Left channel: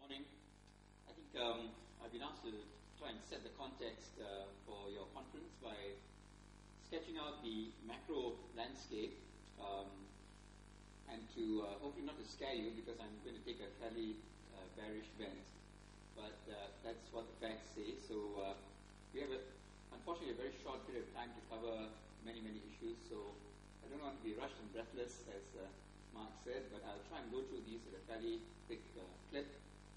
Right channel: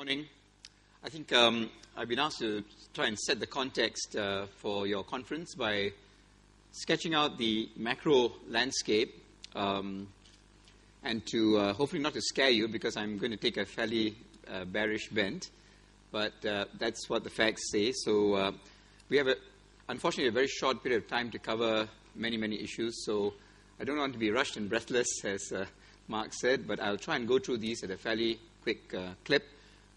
Morning. I think I've been asked to try and set the context for your conference by sketching out the macro landscape and to hopefully not to scare you, because I'm going to take a fairly bearish bent, but that's what the facts say. So we have, unfortunately, a very short period of time to cover many issues, so I don't want to be rushed and breathless, as Mark said, but I'll try and go through these at a fairly quick clip.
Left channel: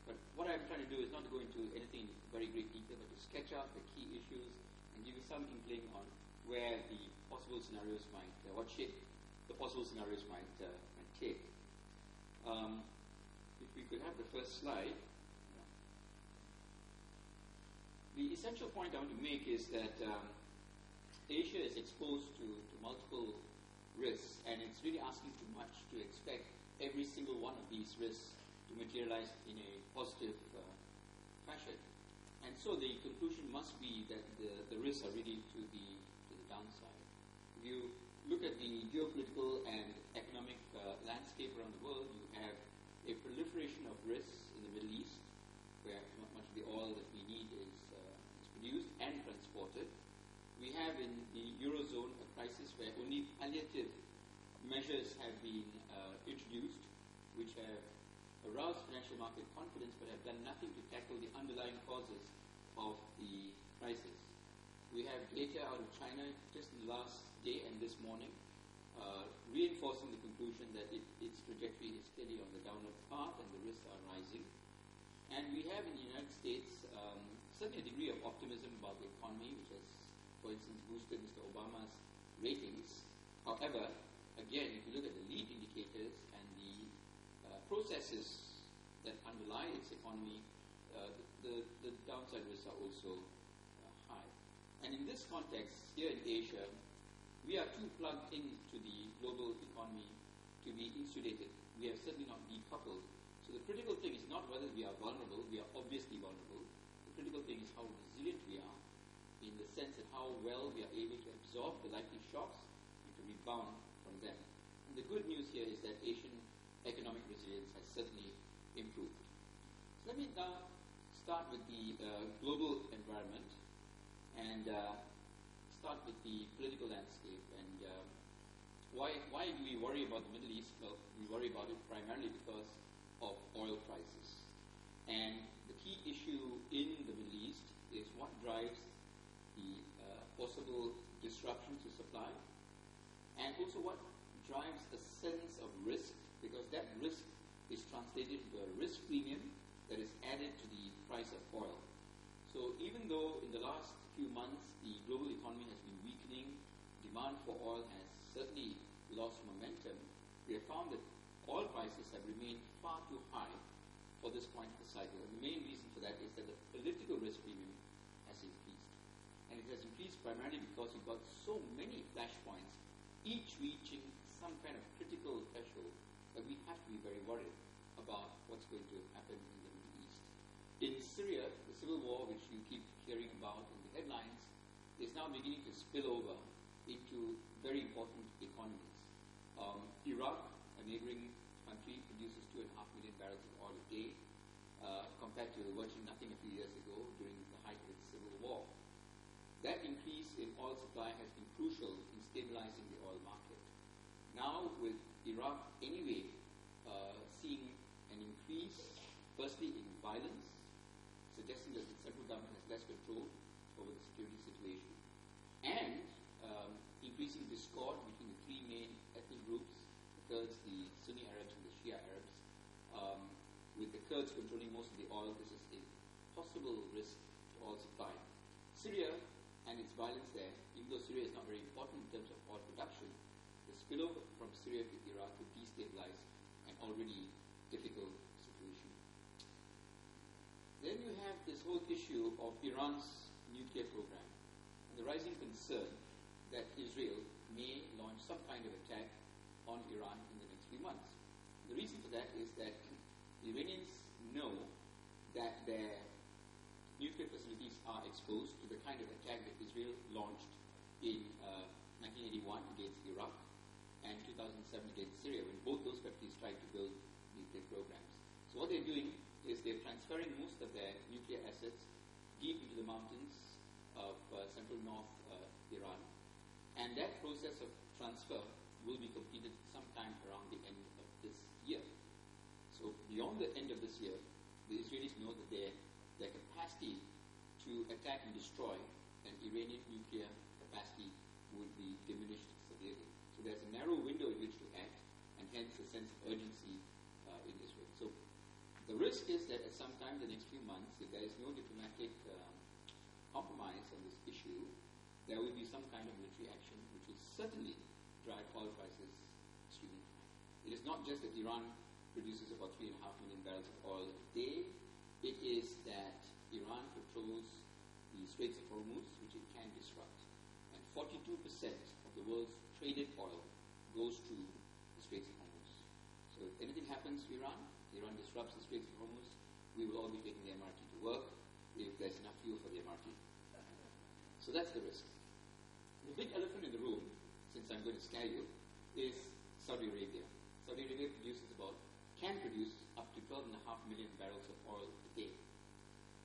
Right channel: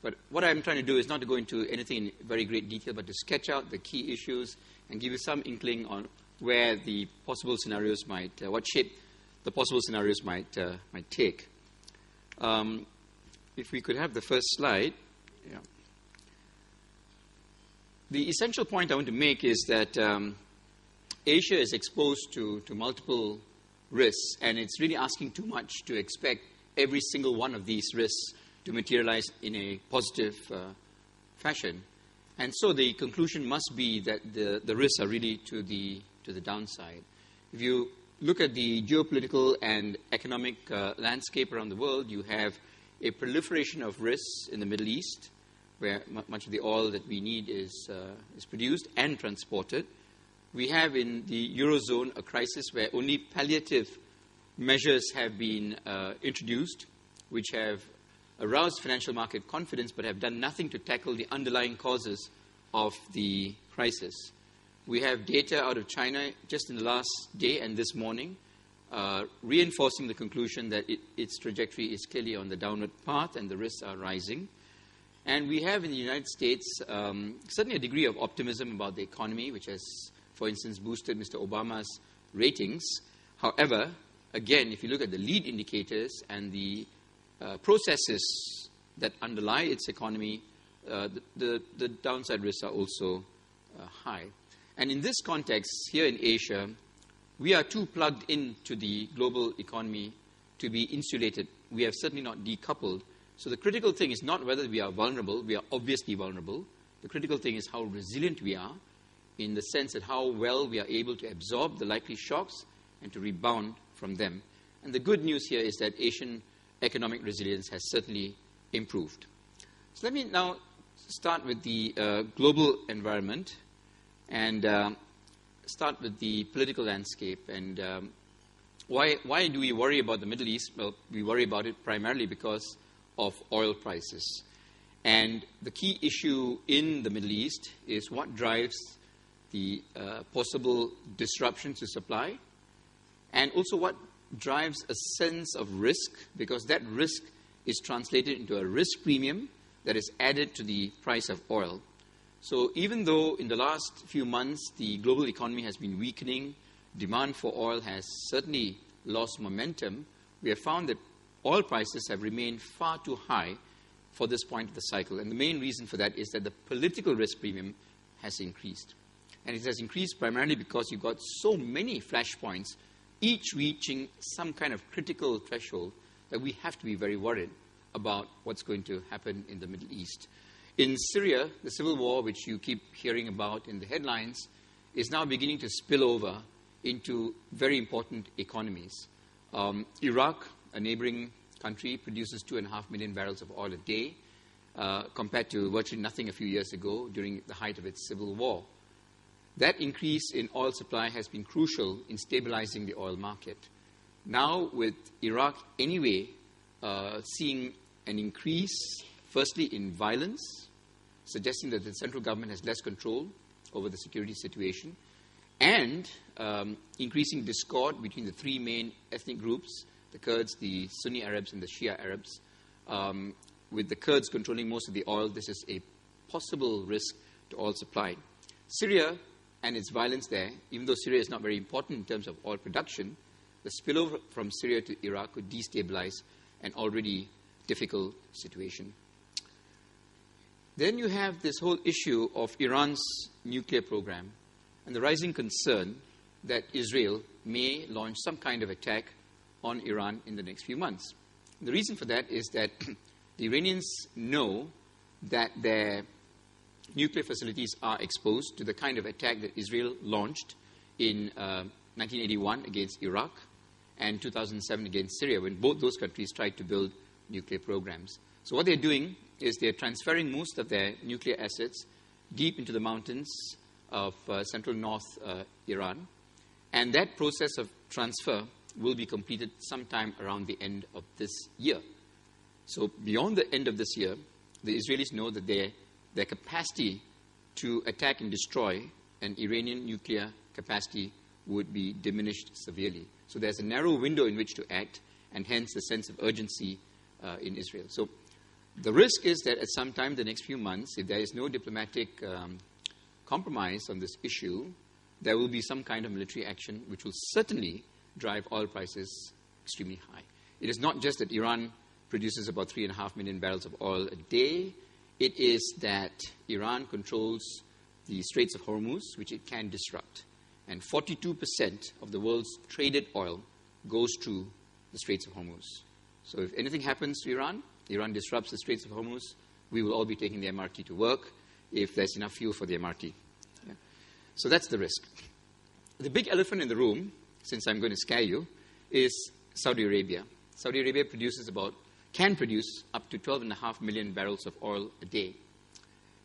But what I'm trying to do is not to go into anything in very great detail, but to sketch out the key issues and give you some inkling on where the possible scenarios might, what shape the possible scenarios might take. If we could have the first slide. Yeah. The essential point I want to make is that Asia is exposed to multiple risks, and it's really asking too much to expect every single one of these risks to materialize in a positive fashion. And so the conclusion must be that the risks are really to the downside. If you look at the geopolitical and economic landscape around the world, you have a proliferation of risks in the Middle East, where much of the oil that we need is produced and transported. We have in the Eurozone a crisis where only palliative measures have been introduced, which have aroused financial market confidence but have done nothing to tackle the underlying causes of the crisis. We have data out of China just in the last day and this morning reinforcing the conclusion that its trajectory is clearly on the downward path and the risks are rising. And we have in the United States certainly a degree of optimism about the economy, which has, for instance, boosted Mr. Obama's ratings. However, again, if you look at the lead indicators and the processes that underlie its economy, the downside risks are also high. And in this context, here in Asia, we are too plugged into the global economy to be insulated. We have certainly not decoupled. So the critical thing is not whether we are vulnerable. We are obviously vulnerable. The critical thing is how resilient we are, in the sense that how well we are able to absorb the likely shocks and to rebound from them. And the good news here is that Asian economic resilience has certainly improved. So let me now start with the global environment and start with the political landscape. And why do we worry about the Middle East? Well, we worry about it primarily because of oil prices. And the key issue in the Middle East is what drives the possible disruptions to supply, and also what drives a sense of risk, because that risk is translated into a risk premium that is added to the price of oil. So even though in the last few months the global economy has been weakening, demand for oil has certainly lost momentum, we have found that oil prices have remained far too high for this point of the cycle. And the main reason for that is that the political risk premium has increased. And it has increased primarily because you've got so many flashpoints, each reaching some kind of critical threshold, that we have to be very worried about what's going to happen in the Middle East. In Syria, the civil war, which you keep hearing about in the headlines, is now beginning to spill over into very important economies. Iraq, a neighboring country, produces 2.5 million barrels of oil a day, compared to virtually nothing a few years ago during the height of its civil war. That increase in oil supply has been crucial in stabilizing the oil market. Now, with Iraq anyway seeing an increase, firstly in violence, suggesting that the central government has less control over the security situation, and increasing discord between the three main ethnic groups, the Kurds, the Sunni Arabs, and the Shia Arabs. With the Kurds controlling most of the oil, this is a possible risk to oil supply. Syria and its violence there, even though Syria is not very important in terms of oil production, the spillover from Syria to Iraq could destabilize an already difficult situation. Then you have this whole issue of Iran's nuclear program and the rising concern that Israel may launch some kind of attack on Iran in the next few months. The reason for that is that the Iranians know that their nuclear facilities are exposed to the kind of attack that Israel launched in 1981 against Iraq and 2007 against Syria, when both those countries tried to build nuclear programs. So what they're doing is they're transferring most of their nuclear assets deep into the mountains of central north Iran. And that process of transfer will be completed sometime around the end of this year. So beyond the end of this year, the Israelis know that their capacity to attack and destroy an Iranian nuclear capacity would be diminished severely. So there's a narrow window in which to act, and hence the sense of urgency in Israel. So the risk is that at some time in the next few months, if there is no diplomatic compromise on this issue, there will be some kind of military action which will certainly drive oil prices extremely high. It is not just that Iran produces about 3.5 million barrels of oil a day. It is that Iran controls the Straits of Hormuz, which it can disrupt. And 42% of the world's traded oil goes through the Straits of Hormuz. So if anything happens to Iran, Iran disrupts the Straits of Hormuz, we will all be taking the MRT to work if there's enough fuel for the MRT. Yeah. So that's the risk. The big elephant in the room, since I'm going to scare you, is Saudi Arabia. Saudi Arabia can produce up to 12.5 million barrels of oil a day.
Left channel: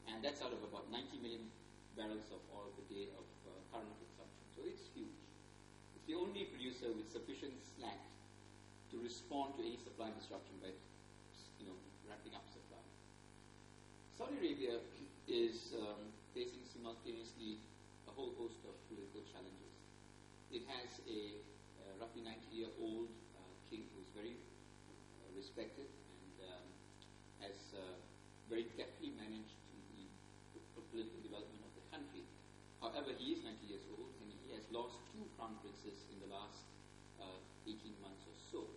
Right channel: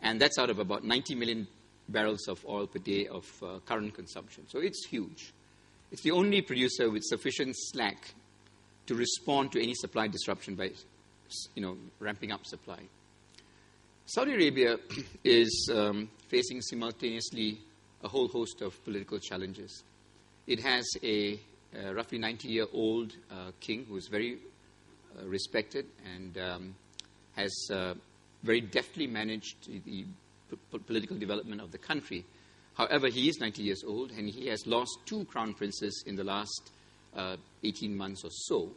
And that's out of about 90 million barrels of oil per day of current consumption. So it's huge. It's the only producer with sufficient slack to respond to any supply disruption by ramping up supply. Saudi Arabia is facing simultaneously a whole host of political challenges. It has a roughly 90-year-old king who is very respected and has very deftly managed the political development of the country. However, he is 90 years old, and he has lost 2 crown princes in the last 18 months or so.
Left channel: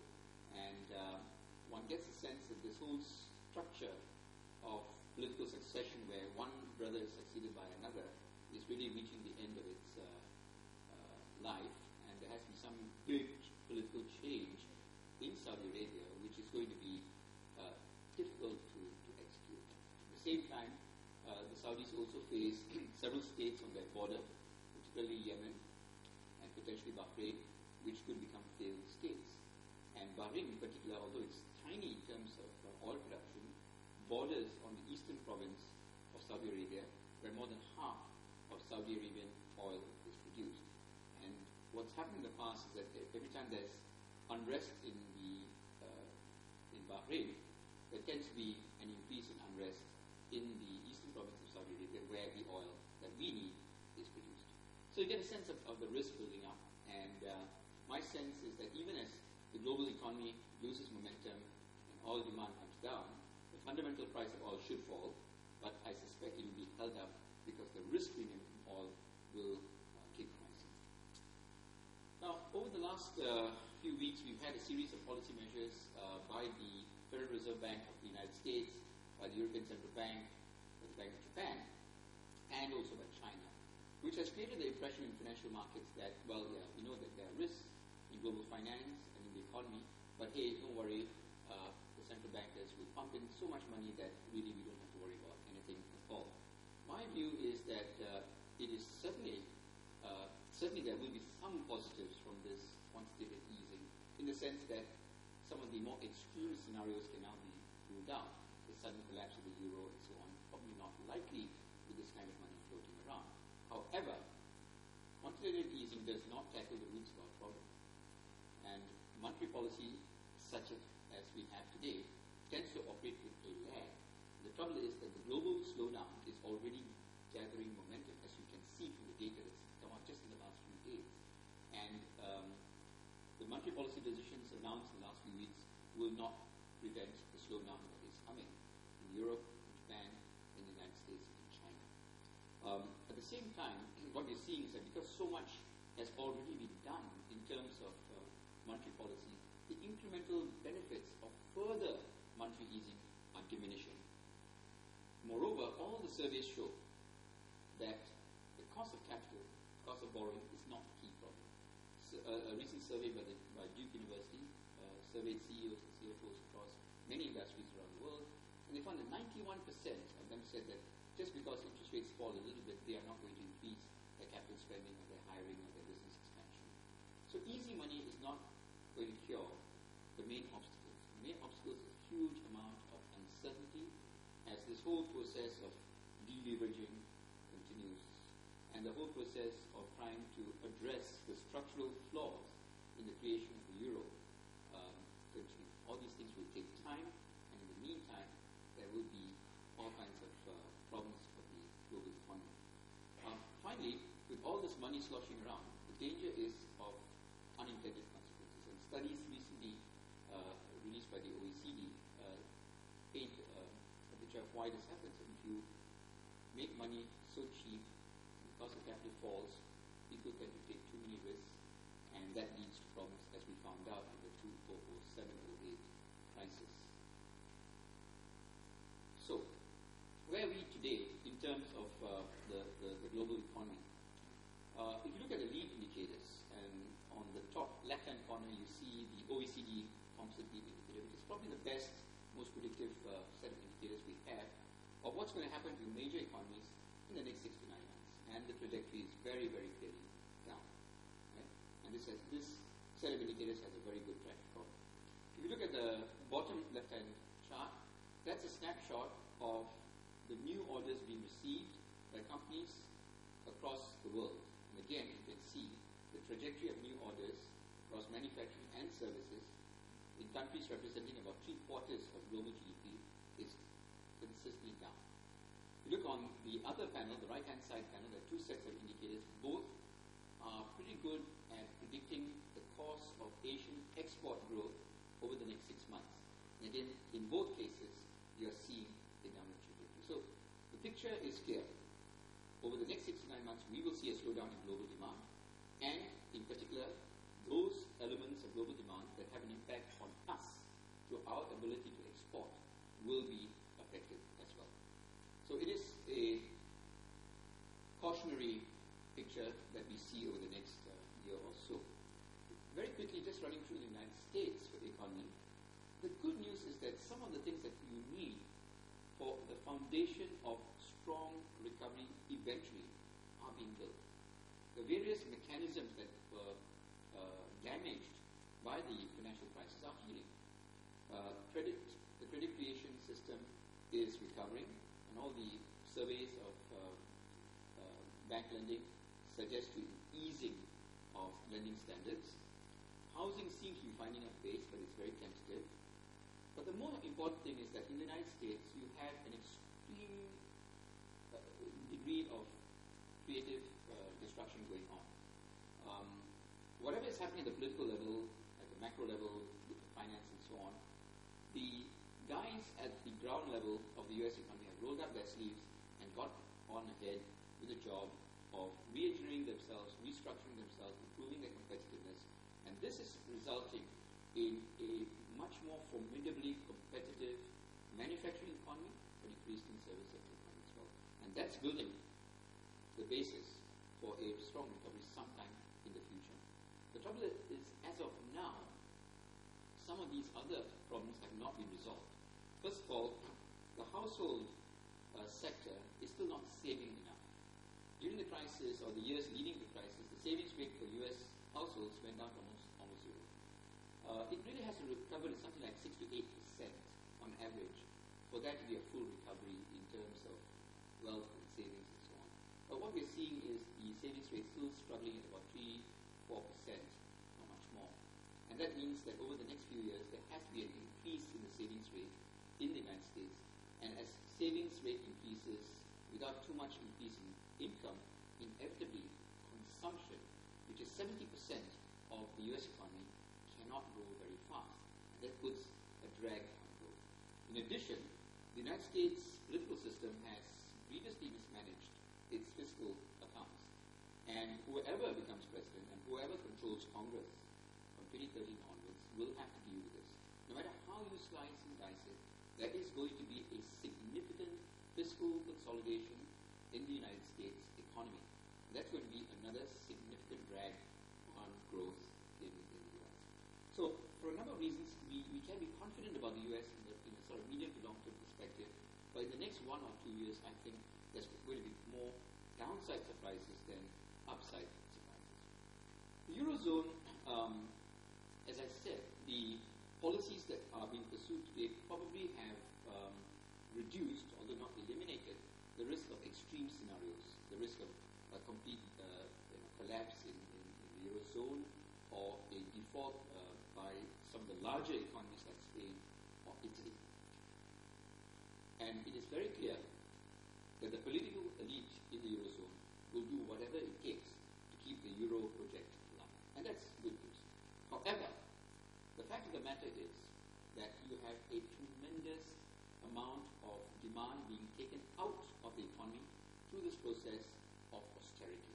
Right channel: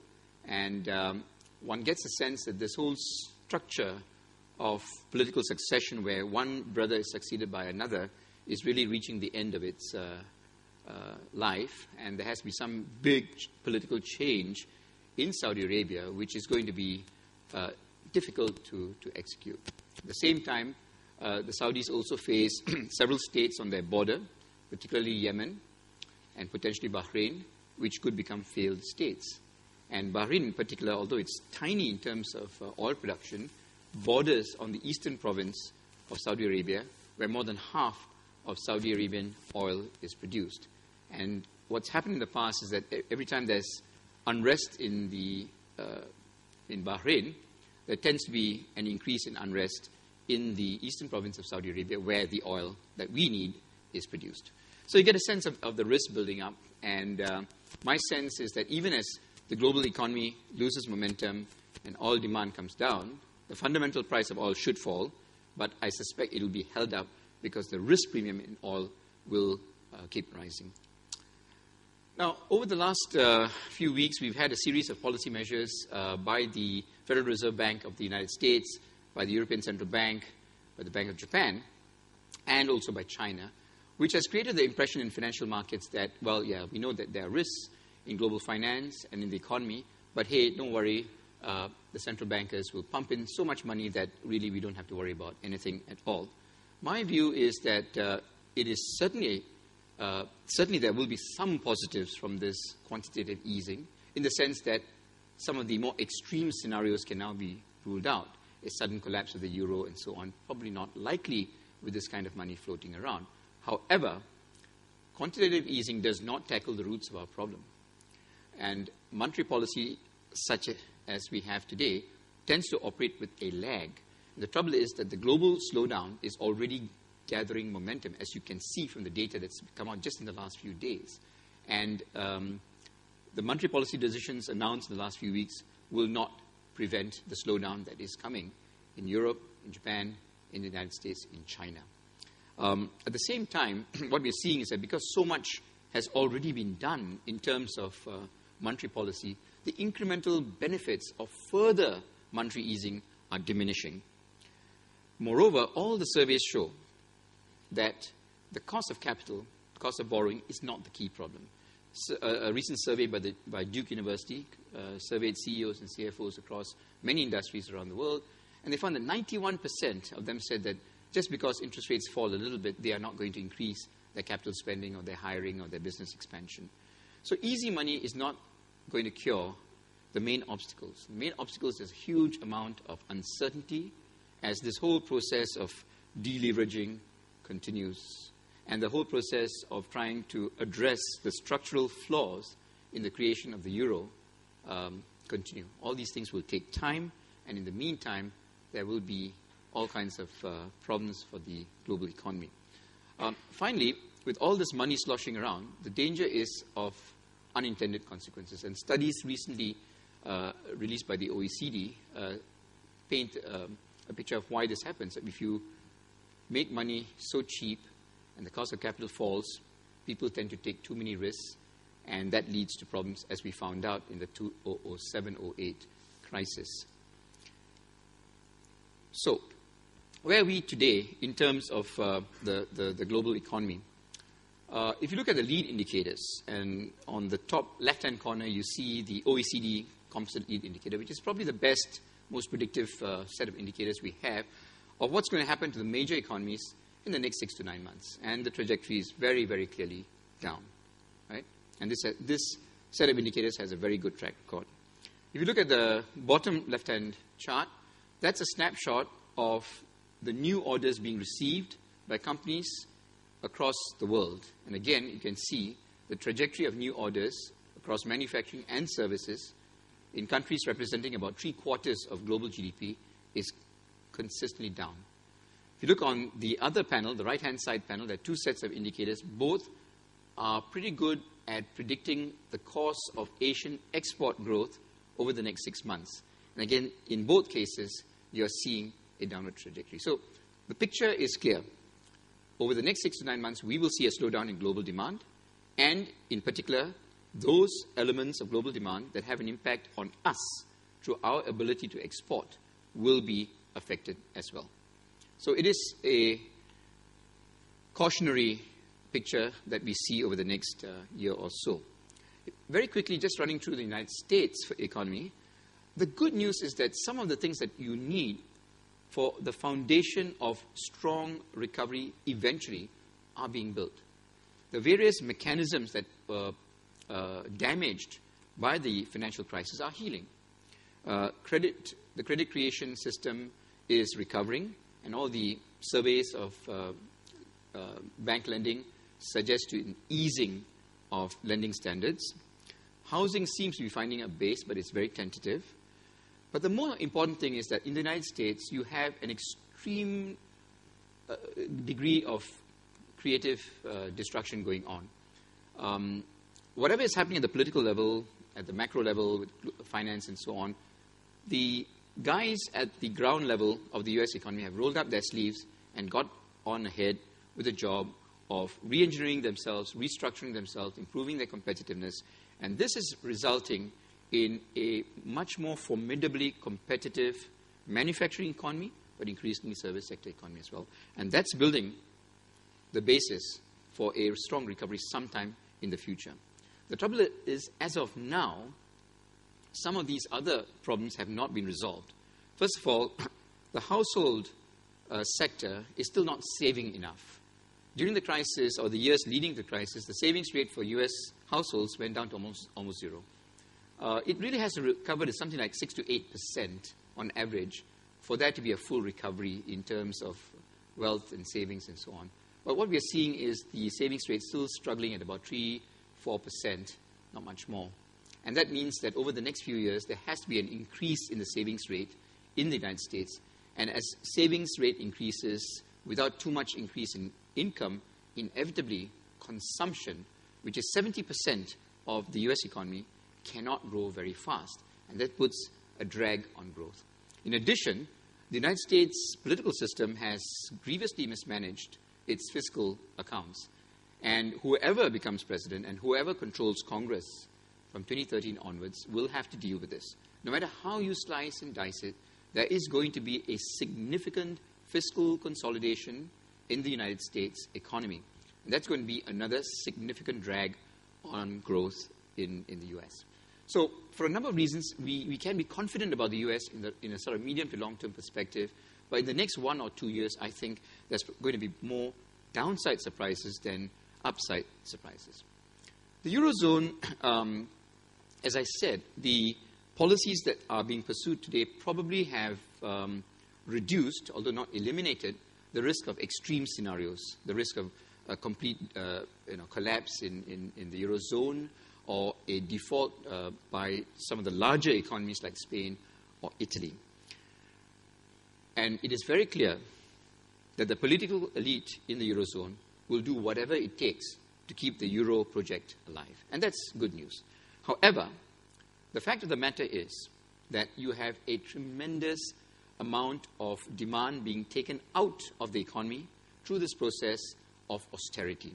And one gets a sense that this whole structure of political succession, where one brother is succeeded by another, is really reaching the end of its life. And there has to be some big political change in Saudi Arabia, which is going to be difficult to execute. At the same time, the Saudis also face several states on their border, particularly Yemen and potentially Bahrain, which could become failed states. And Bahrain in particular, although it's tiny in terms of oil production, borders on the eastern province of Saudi Arabia, where more than half of Saudi Arabian oil is produced. And what's happened in the past is that every time there's unrest in Bahrain, there tends to be an increase in unrest in the eastern province of Saudi Arabia, where the oil that we need is produced. So you get a sense of the risk building up. And my sense is that even as the global economy loses momentum and oil demand comes down, the fundamental price of oil should fall, but I suspect it will be held up because the risk premium in oil will keep rising. Now, over the last few weeks, we've had a series of policy measures by the Federal Reserve Bank of the United States, by the European Central Bank, by the Bank of Japan, and also by China, which has created the impression in financial markets that, well, yeah, we know that there are risks in global finance and in the economy, but hey, don't worry, the central bankers will pump in so much money that really we don't have to worry about anything at all. My view is that it is certainly there will be some positives from this quantitative easing, in the sense that some of the more extreme scenarios can now be ruled out. A sudden collapse of the euro and so on, probably not likely with this kind of money floating around. However, quantitative easing does not tackle the roots of our problem. And monetary policy, such as we have today, tends to operate with a lag. The trouble is that the global slowdown is already gathering momentum, as you can see from the data that's come out just in the last few days. And the monetary policy decisions announced in the last few weeks will not prevent the slowdown that is coming in Europe, in Japan, in the United States, in China. At the same time, what we're seeing is that because so much has already been done in terms of monetary policy, the incremental benefits of further monetary easing are diminishing. Moreover, all the surveys show that the cost of capital, cost of borrowing, is not the key problem. So, a recent survey by Duke University surveyed CEOs and CFOs across many industries around the world, and they found that 91% of them said that just because interest rates fall a little bit, they are not going to increase their capital spending or their hiring or their business expansion. So easy money is not going to cure the main obstacles? The main obstacles is a huge amount of uncertainty as this whole process of deleveraging continues, and the whole process of trying to address the structural flaws in the creation of the euro continue. All these things will take time, and in the meantime, there will be all kinds of problems for the global economy. Finally, with all this money sloshing around, the danger is of unintended consequences. And studies recently released by the OECD paint a picture of why this happens. If you make money so cheap and the cost of capital falls, people tend to take too many risks, and that leads to problems, as we found out in the 2007-08 crisis. So, where are we today in terms of the global economy? If you look at the lead indicators, and on the top left-hand corner, you see the OECD composite lead indicator, which is probably the best, most predictive set of indicators we have of what's going to happen to the major economies in the next 6 to 9 months. And the trajectory is very, very clearly down, right? And this set of indicators has a very good track record. If you look at the bottom left-hand chart, that's a snapshot of the new orders being received by companies across the world. And again, you can see the trajectory of new orders across manufacturing and services in countries representing about 3/4 of global GDP is consistently down. If you look on the other panel, the right-hand side panel, there are two sets of indicators. Both are pretty good at predicting the course of Asian export growth over the next 6 months. And again, in both cases, you're seeing a downward trajectory. So the picture is clear. Over the next 6 to 9 months, we will see a slowdown in global demand, and in particular, those elements of global demand that have an impact on us through our ability to export will be affected as well. So it is a cautionary picture that we see over the next year or so. Very quickly, just running through the United States economy, the good news is that some of the things that you need for the foundation of strong recovery eventually are being built. The various mechanisms that were damaged by the financial crisis are healing. The credit creation system is recovering, and all the surveys of bank lending suggest an easing of lending standards. Housing seems to be finding a base, but it's very tentative. But the more important thing is that in the United States, you have an extreme degree of creative destruction going on. Whatever is happening at the political level, at the macro level, with finance and so on, the guys at the ground level of the U.S. economy have rolled up their sleeves and got on ahead with the job of re-engineering themselves, restructuring themselves, improving their competitiveness. And this is resulting in a much more formidably competitive manufacturing economy, but increasingly service sector economy as well. And that's building the basis for a strong recovery sometime in the future. The trouble is, as of now, some of these other problems have not been resolved. First of all, the household sector is still not saving enough. During the crisis, or the years leading to the crisis, the savings rate for U.S. households went down to almost zero. It really has to recover to something like 6 to 8% on average for that to be a full recovery in terms of wealth and savings and so on. But what we are seeing is the savings rate still struggling at about 3-4%, not much more. And that means that over the next few years, there has to be an increase in the savings rate in the United States. And as savings rate increases without too much increase in income, inevitably consumption, which is 70% of the U.S. economy, cannot grow very fast. And that puts a drag on growth. In addition, the United States political system has grievously mismanaged its fiscal accounts. And whoever becomes president and whoever controls Congress from 2013 onwards will have to deal with this. No matter how you slice and dice it, there is going to be a significant fiscal consolidation in the United States economy. And that's going to be another significant drag on growth in the U.S. So for a number of reasons, we can be confident about the U.S. in a sort of medium to long-term perspective. But in the next 1 or 2 years, I think there's going to be more downside surprises than upside surprises. The Eurozone, as I said, the policies that are being pursued today probably have reduced, although not eliminated, the risk of extreme scenarios, the risk of a complete collapse in the Eurozone, or a default by some of the larger economies like Spain or Italy. And it is very clear that the political elite in the Eurozone will do whatever it takes to keep the Euro project alive. And that's good news. However, the fact of the matter is that you have a tremendous amount of demand being taken out of the economy through this process of austerity.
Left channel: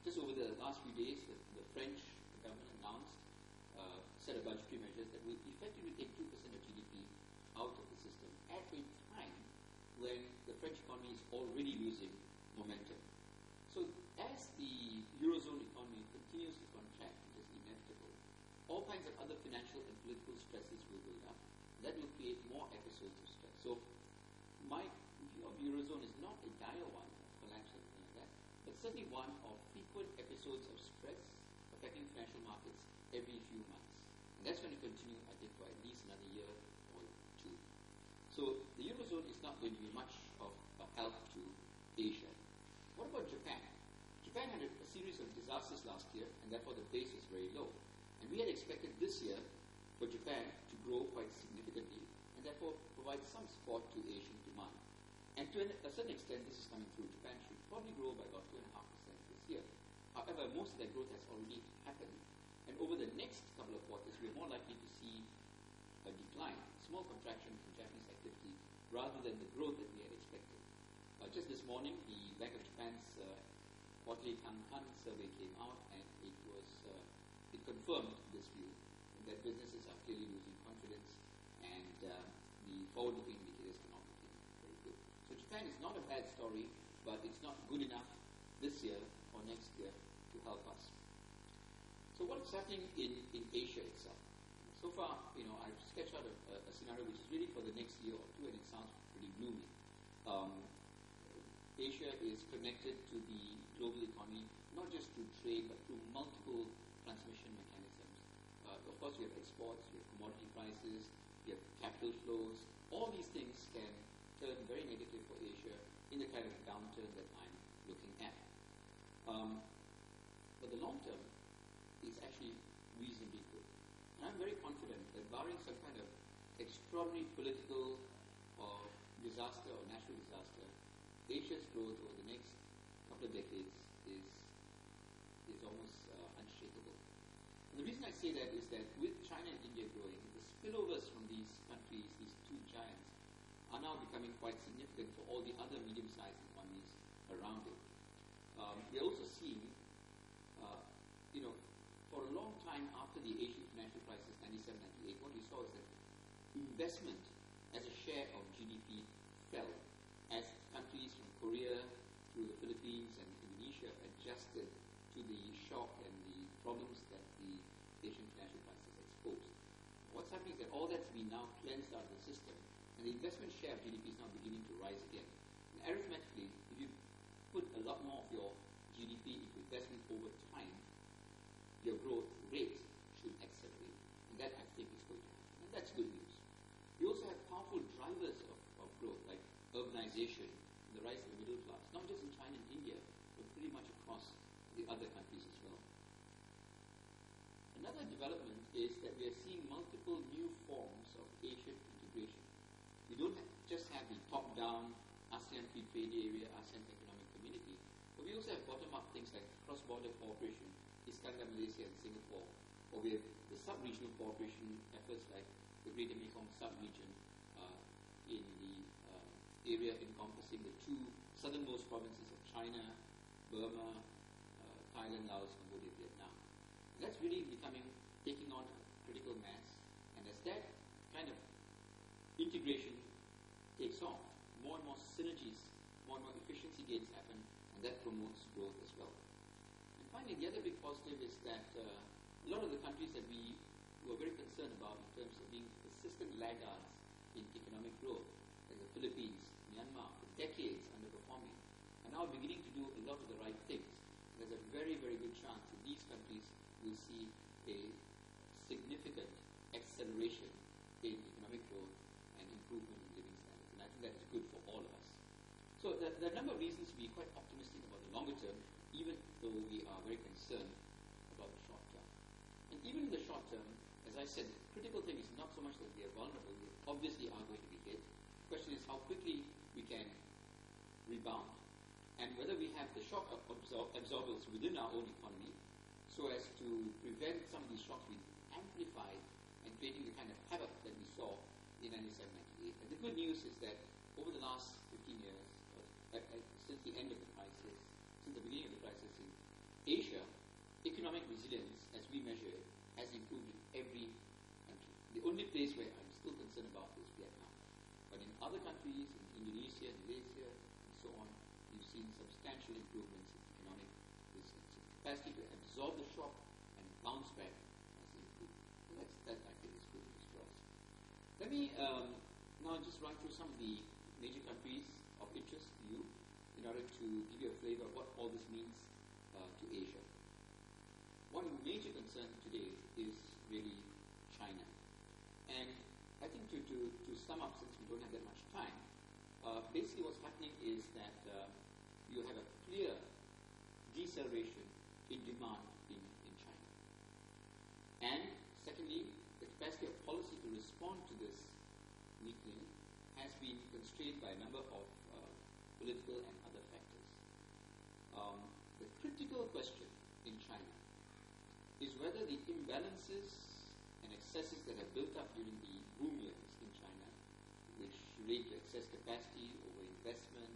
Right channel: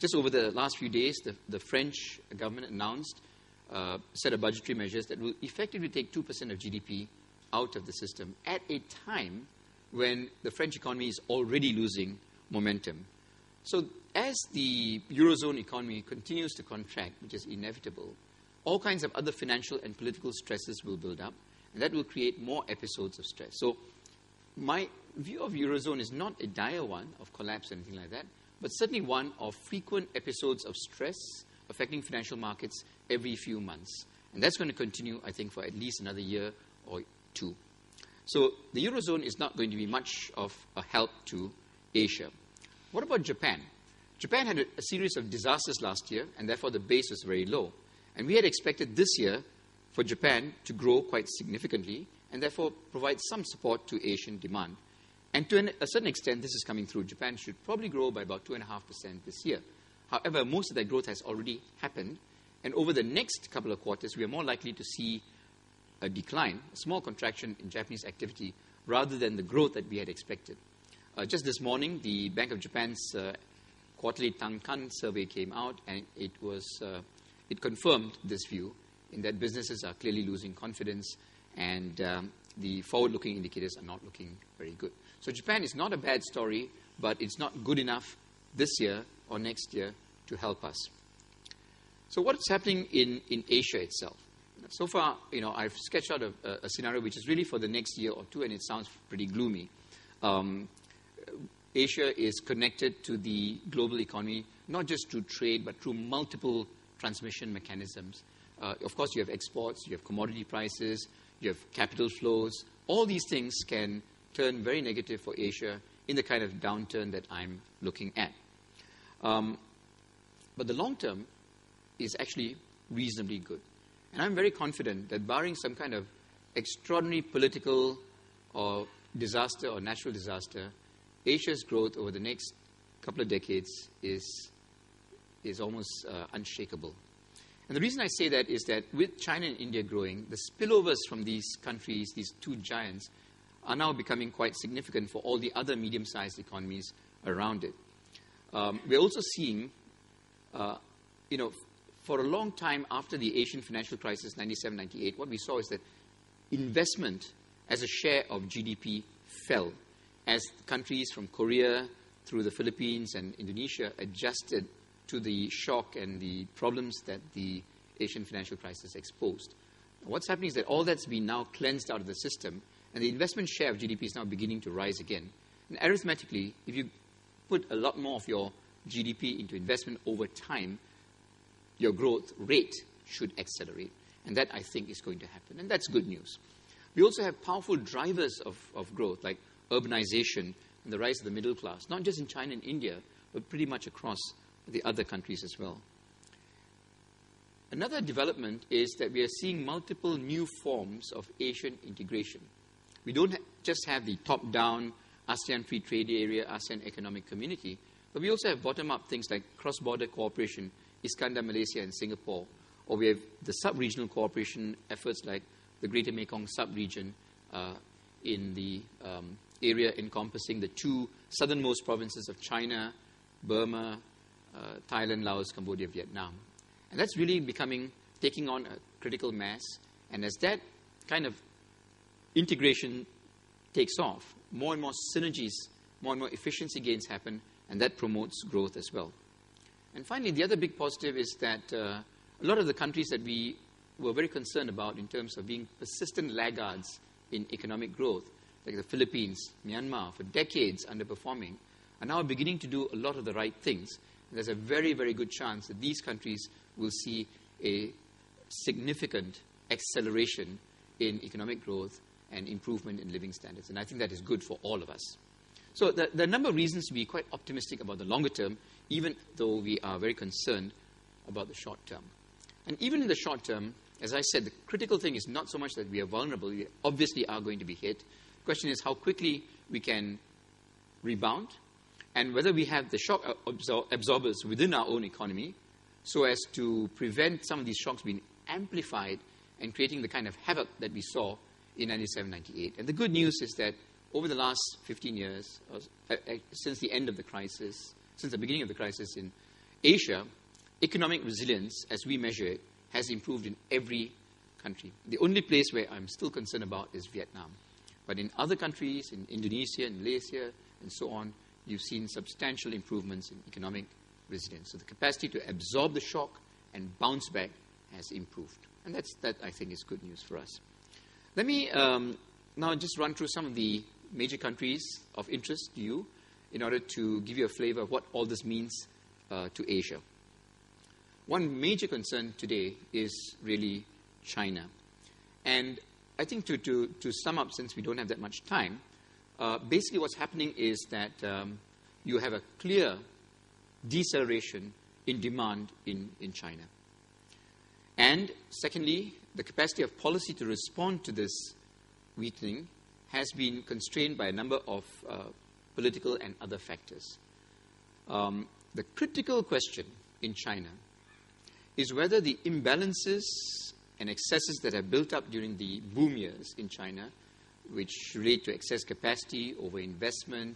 Just over the last few days, the French government announced a set of budgetary measures that will effectively take 2% of GDP out of the system at a time when the French economy is already losing momentum. So as the Eurozone economy continues to contract, which is inevitable, all kinds of other financial and political stresses will build up, and that will create more episodes of stress. So my view of Eurozone is not a dire one of collapse or anything like that, but certainly one of frequent episodes of stress affecting financial markets every few months. And that's going to continue, I think, for at least another year or two. So the Eurozone is not going to be much of a help to Asia. What about Japan? Japan had a series of disasters last year, and therefore the base was very low. And we had expected this year for Japan to grow quite significantly and therefore provide some support to Asian demand. And to a certain extent, this is coming through. Japan should probably grow by about 2.5% this year. However, most of that growth has already happened, and over the next couple of quarters, we are more likely to see a decline, a small contraction in Japanese activity, rather than the growth that we had expected. Just this morning, the Bank of Japan's quarterly Tankan survey came out, and it confirmed this view, in that businesses are clearly losing confidence, and the forward-looking indicators are not looking very good. So Japan is not a bad story, but it's not good enough this year or next year to help us. So what's happening in Asia itself? So far, I've sketched out a scenario which is really for the next year or two, and it sounds pretty gloomy. Asia is connected to the global economy, not just through trade, but through multiple transmission mechanisms. Of course, you have exports, you have commodity prices, you have capital flows. All these things can turn very negative for Asia in the kind of downturn that I'm looking at. But the long term is actually reasonably good. And I'm very confident that barring some kind of extraordinary political or disaster or natural disaster, Asia's growth over the next couple of decades is almost unshakable. And the reason I say that is that with China and India growing, the spillovers from these countries, these two giants, are now becoming quite significant for all the other medium-sized economies around it. We're also seeing, for a long time after the Asian financial crisis, 97, 98, what we saw is that investment as a share of GDP fell as countries from Korea through the Philippines and Indonesia adjusted to the shock and the problems that the Asian financial crisis exposed. What's happening is that all that's been now cleansed out of the system, and the investment share of GDP is now beginning to rise again. And arithmetically, if you put a lot more of your GDP into investment over time, your growth rate should accelerate. And that, I think, is going to happen. And that's good news. We also have powerful drivers of growth, like urbanization and the rise of the middle class, not just in China and India, but pretty much across the other countries as well. Another development is that we are seeing multiple new forms of Asian integration. We don't just have the top-down ASEAN Free Trade Area, ASEAN Economic Community, but we also have bottom-up things like cross-border cooperation, Iskandar, Malaysia, and Singapore, or we have the sub-regional cooperation efforts like the Greater Mekong sub-region in the area encompassing the two southernmost provinces of China, Burma, Thailand, Laos, Cambodia, Vietnam. And that's really taking on a critical mass. And as that kind of integration takes off, more and more synergies, more and more efficiency gains happen, and that promotes growth as well. And finally, the other big positive is that a lot of the countries that we were very concerned about in terms of being persistent laggards in economic growth, like the Philippines, Myanmar, for decades underperforming, are now beginning to do a lot of the right things. And there's a very, very good chance that these countries will see a significant acceleration in economic growth and improvement in living standards. And I think that is good for all of us. So there are a number of reasons to be quite optimistic about the longer term, even though we are very concerned about the short term. And even in the short term, as I said, the critical thing is not so much that we are vulnerable. We obviously are going to be hit. The question is how quickly we can rebound and whether we have the shock absorbers within our own economy so as to prevent some of these shocks being amplified and creating the kind of havoc that we saw in 97-98. And the good news is that over the last 15 years, since the end of the crisis, since the beginning of the crisis in Asia, economic resilience, as we measure it, has improved in every country. The only place where I'm still concerned about is Vietnam. But in other countries, in Indonesia, in Malaysia, and so on, you've seen substantial improvements in economic resilience. So the capacity to absorb the shock and bounce back has improved. And that, I think, is good news for us. Let me now just run through some of the major countries of interest to you in order to give you a flavor of what all this means to Asia. One major concern today is really China. And I think to sum up, since we don't have that much time, basically what's happening is that you have a clear deceleration in demand in China. And secondly, the capacity of policy to respond to this weakening has been constrained by a number of political and other factors. The critical question in China is whether the imbalances and excesses that have built up during the boom years in China, which relate to excess capacity, overinvestment,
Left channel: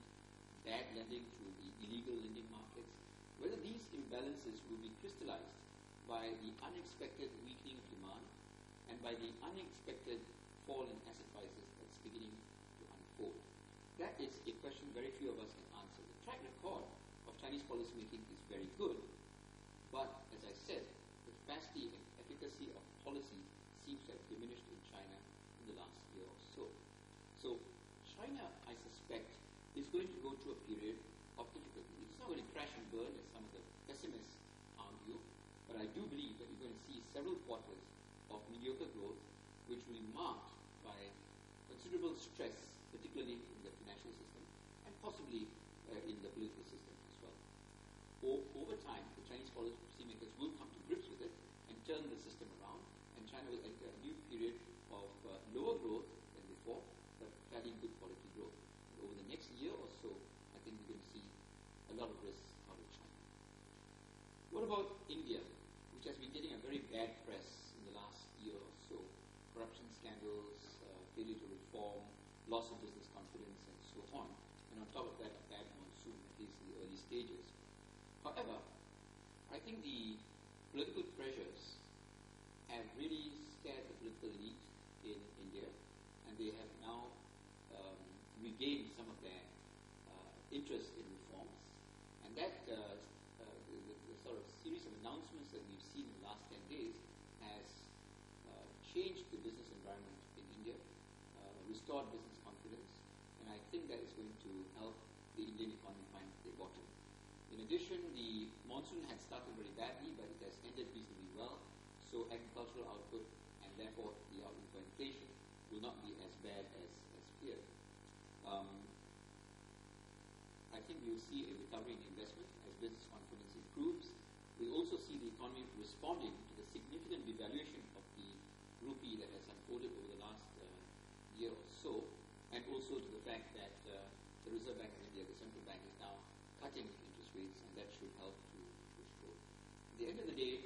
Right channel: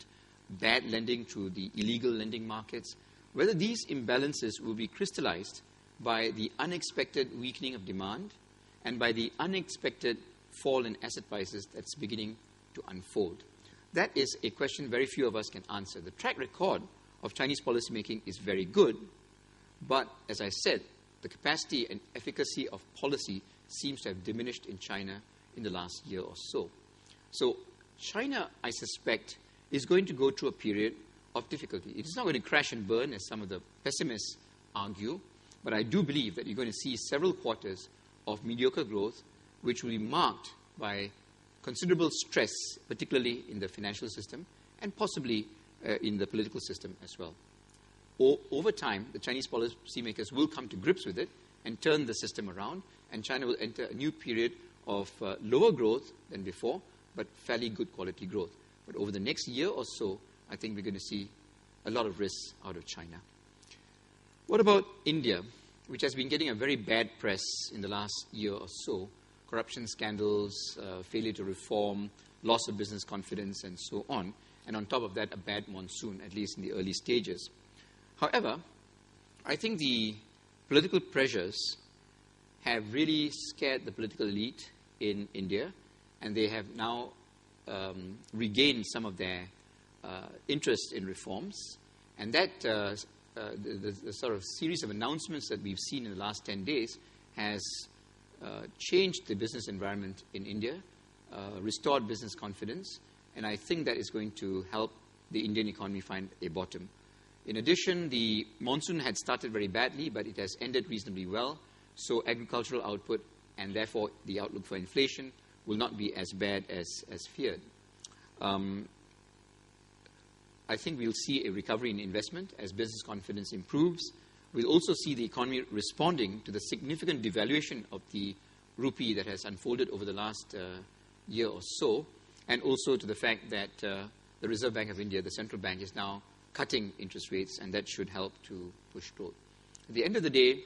bad lending through the illegal lending markets, whether these imbalances will be crystallized by the unexpected weakening of demand and by the unexpected fall in asset prices that's beginning to unfold. That is a question very few of us can answer. The track record of Chinese policymaking is very good, but as I said, the capacity and efficacy of policy seems to have diminished in China in the last year or so. So China, I suspect, is going to go through a period of difficulty. It is not going to crash and burn, as some of the pessimists argue, but I do believe that you're going to see several quarters of mediocre growth, which will be marked by considerable stress, particularly in the financial system and possibly in the political system as well. Over time, the Chinese policymakers will come to grips with it and turn the system around, and China will enter a new period of lower growth than before, but fairly good quality growth. But over the next year or so, I think we're going to see a lot of risks out of China. What about India, which has been getting a very bad press in the last year or so? Corruption scandals, failure to reform, loss of business confidence, and so on. And on top of that, a bad monsoon, at least in the early stages. However, I think the political pressures have really scared the political elite in India, and they have now regained some of their interest in reforms. And that the sort of series of announcements that we've seen in the last 10 days has changed the business environment in India, restored business confidence, and I think that is going to help the Indian economy find a bottom. In addition, the monsoon had started very badly, but it has ended reasonably well, so agricultural output and therefore the outlook for inflation will not be as bad as feared. I think we'll see a recovery in investment as business confidence improves. We'll also see the economy responding to the significant devaluation of the rupee that has unfolded over the last year or so, and also to the fact that the Reserve Bank of India, the central bank, is now cutting interest rates, and that should help to push growth. At the end of the day,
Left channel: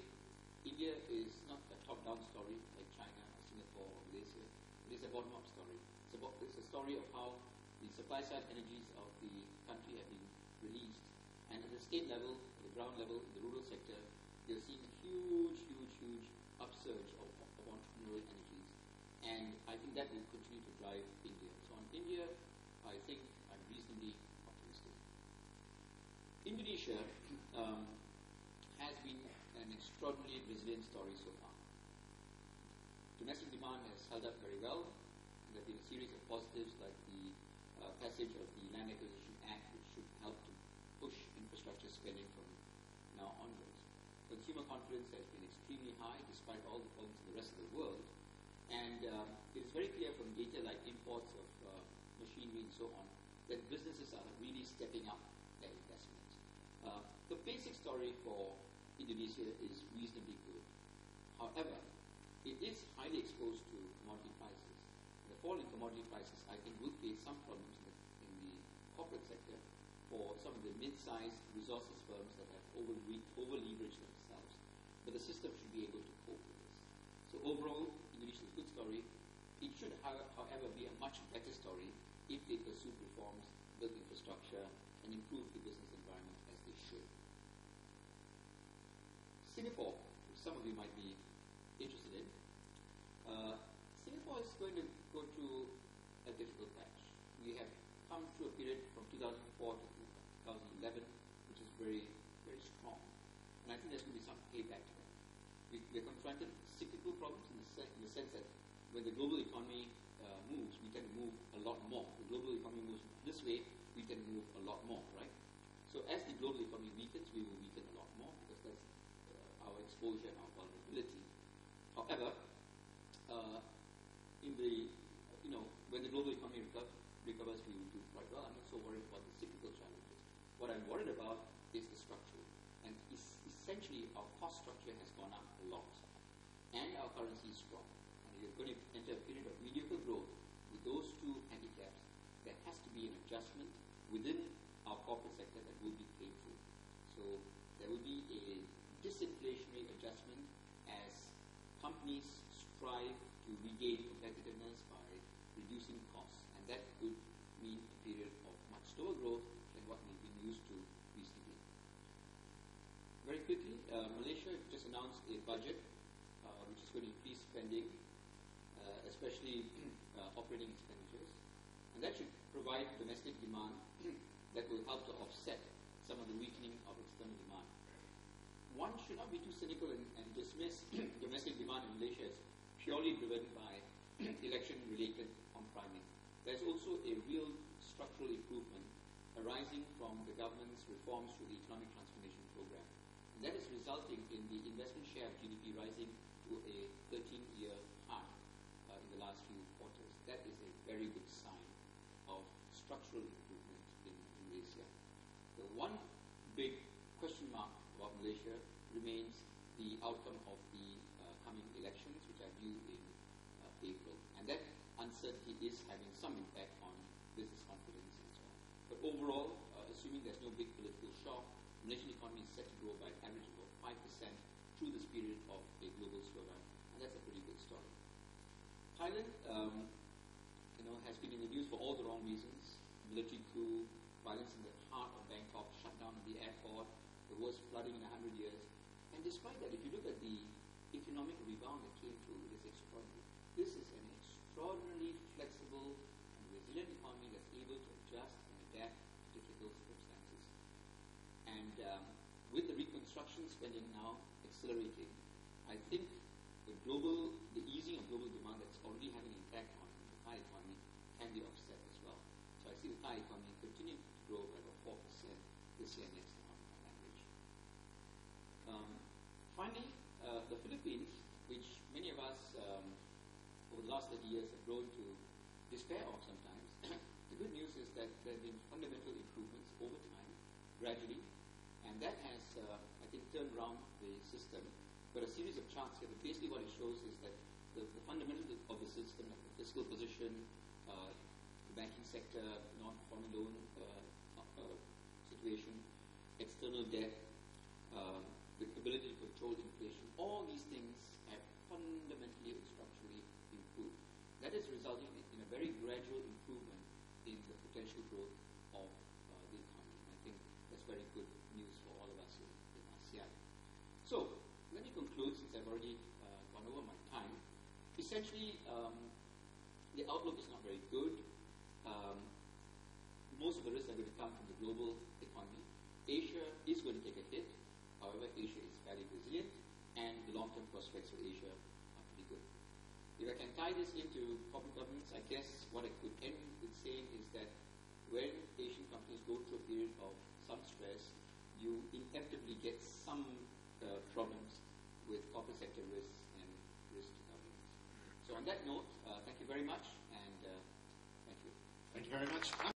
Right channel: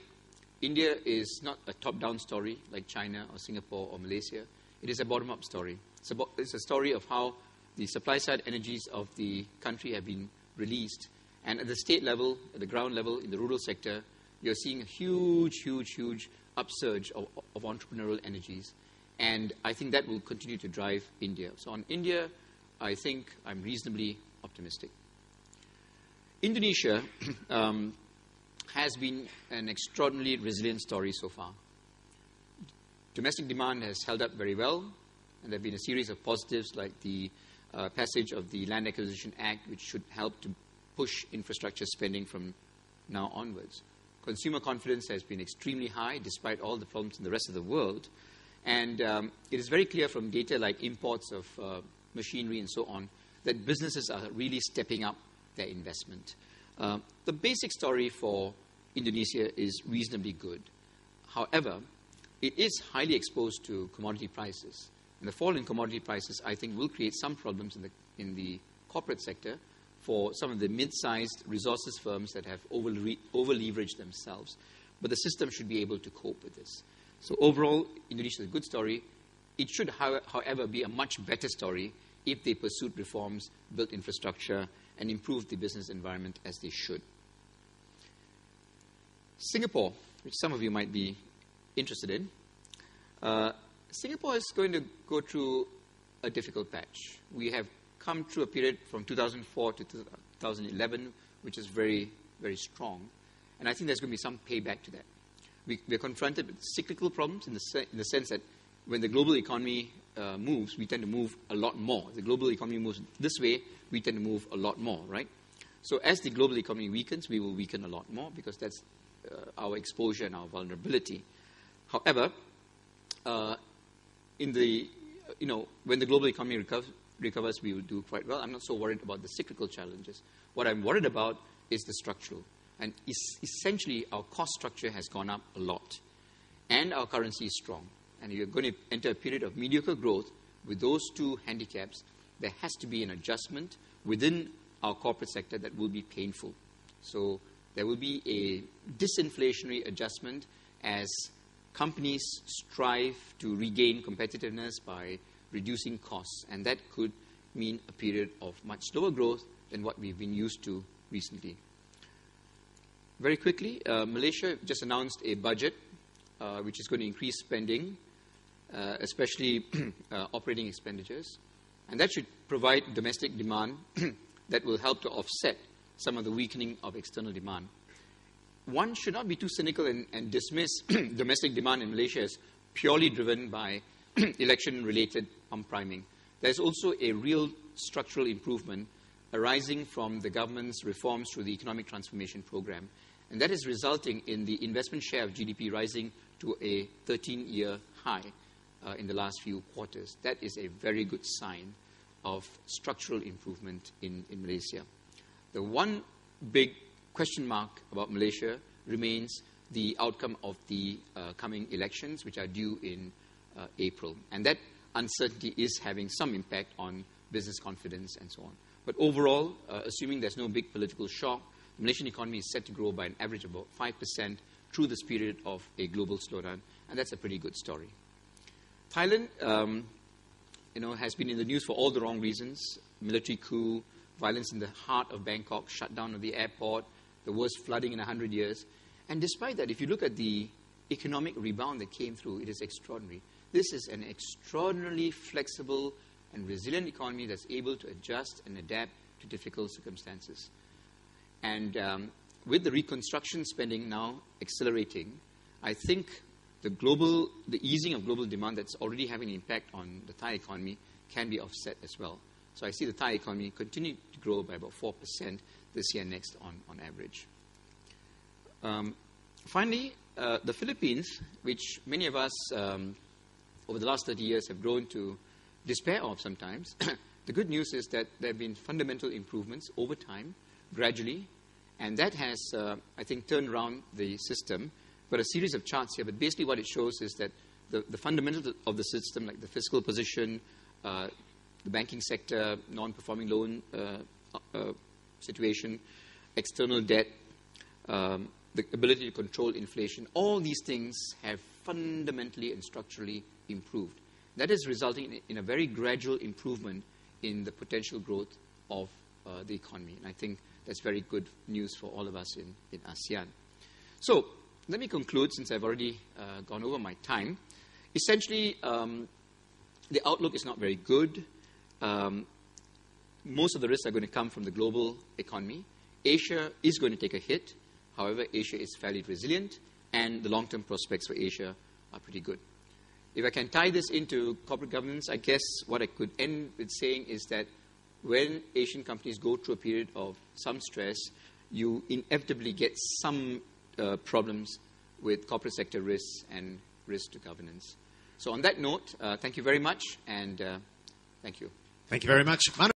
India is not a top-down story like China or Singapore or Malaysia. It is a bottom-up story. It's a story of how the supply-side energies of the country have been released. And at the state level, at the ground level, in the rural sector, you're seeing a huge upsurge of entrepreneurial energies. And I think that will continue to drive India. So on India, I think I'm reasonably optimistic. Indonesia has been an extraordinarily resilient story so far. Domestic demand has held up very well, and there have been a series of positives like the passage of the Land Acquisition Act, which should help to push infrastructure spending from now onwards. Consumer confidence has been extremely high, despite all the problems in the rest of the world. And it is very clear from data like imports of machinery and so on that businesses are really stepping up their investment. The basic story for Indonesia is reasonably good. However, it is highly exposed to commodity prices. And the fall in commodity prices, I think, will create some problems in the corporate sector for some of the mid-sized resources firms that have over-leveraged themselves. But the system should be able to cope with this. So overall, Indonesia is a good story. It should, however, be a much better story if they pursued reforms, built infrastructure, and improved the business environment as they should. Singapore, which some of you might be interested in, Singapore is going to go through a difficult patch. We have come through a period from 2004 to 2011, which is very, very strong. And I think there's going to be some payback to that. We're confronted with cyclical problems in the sense that when the global economy moves, we tend to move a lot more. The global economy moves this way, we tend to move a lot more, right? So as the global economy weakens, we will weaken a lot more because that's our exposure and our vulnerability. However, when the global economy recovers, we will do quite well. I'm not so worried about the cyclical challenges. What I'm worried about is the structural. And essentially, our cost structure has gone up a lot. And our currency is strong. And you're going to enter a period of mediocre growth with those two handicaps. There has to be an adjustment within our corporate sector that will be painful. So there will be a disinflationary adjustment as companies strive to regain competitiveness by reducing costs. And that could mean a period of much slower growth than what we've been used to recently. Very quickly, Malaysia just announced a budget which is going to increase spending, especially operating expenditures. And that should provide domestic demand that will help to offset some of the weakening of external demand. One should not be too cynical and dismiss domestic demand in Malaysia as purely driven by election-related pump-priming. There's also a real structural improvement arising from the government's reforms through the Economic Transformation Program. And that is resulting in the investment share of GDP rising to a 13-year high in the last few quarters. That is a very good sign of structural improvement in Malaysia. The one big question mark about Malaysia remains the outcome of the coming elections, which are due in April. And that uncertainty is having some impact on business confidence and so on. But overall, assuming there's no big political shock, the Malaysian economy is set to grow by an average of about 5% through this period of a global slowdown, and that's a pretty good story. Thailand, has been in the news for all the wrong reasons: military coup, violence in the heart of Bangkok, shutdown of the airport, the worst flooding in 100 years. And despite that, if you look at the economic rebound that came through, it is extraordinary. This is an extraordinarily flexible and resilient economy that's able to adjust and adapt to difficult circumstances. And with the reconstruction spending now accelerating, I think the easing of global demand that's already having an impact on the Thai economy can be offset as well. So I see the Thai economy continue to grow by about 4% this year and next on average. Finally, the Philippines, which many of us over the last 30 years have grown to despair of sometimes, the good news is that there have been fundamental improvements over time, gradually, and that has, I think, turned around the system. Got a series of charts here, but basically what it shows is that the fundamentals of the system, like the fiscal position, the banking sector, non-performing loan situation, external debt, the ability to control inflation, all these things have fundamentally and structurally improved. That is resulting in a very gradual improvement in the potential growth of the economy. And I think that's very good news for all of us in ASEAN. So let me conclude, since I've already gone over my time. Essentially, the outlook is not very good. Most of the risks are going to come from the global economy. Asia is going to take a hit. However, Asia is fairly resilient, and the long-term prospects for Asia are pretty good. If I can tie this into corporate governance, I guess what I could end with saying is that when Asian companies go through a period of some stress, you inevitably get some problems with corporate sector risks and risk to governance. So on that note, thank you very much, and thank you. Thank you very much. Manu.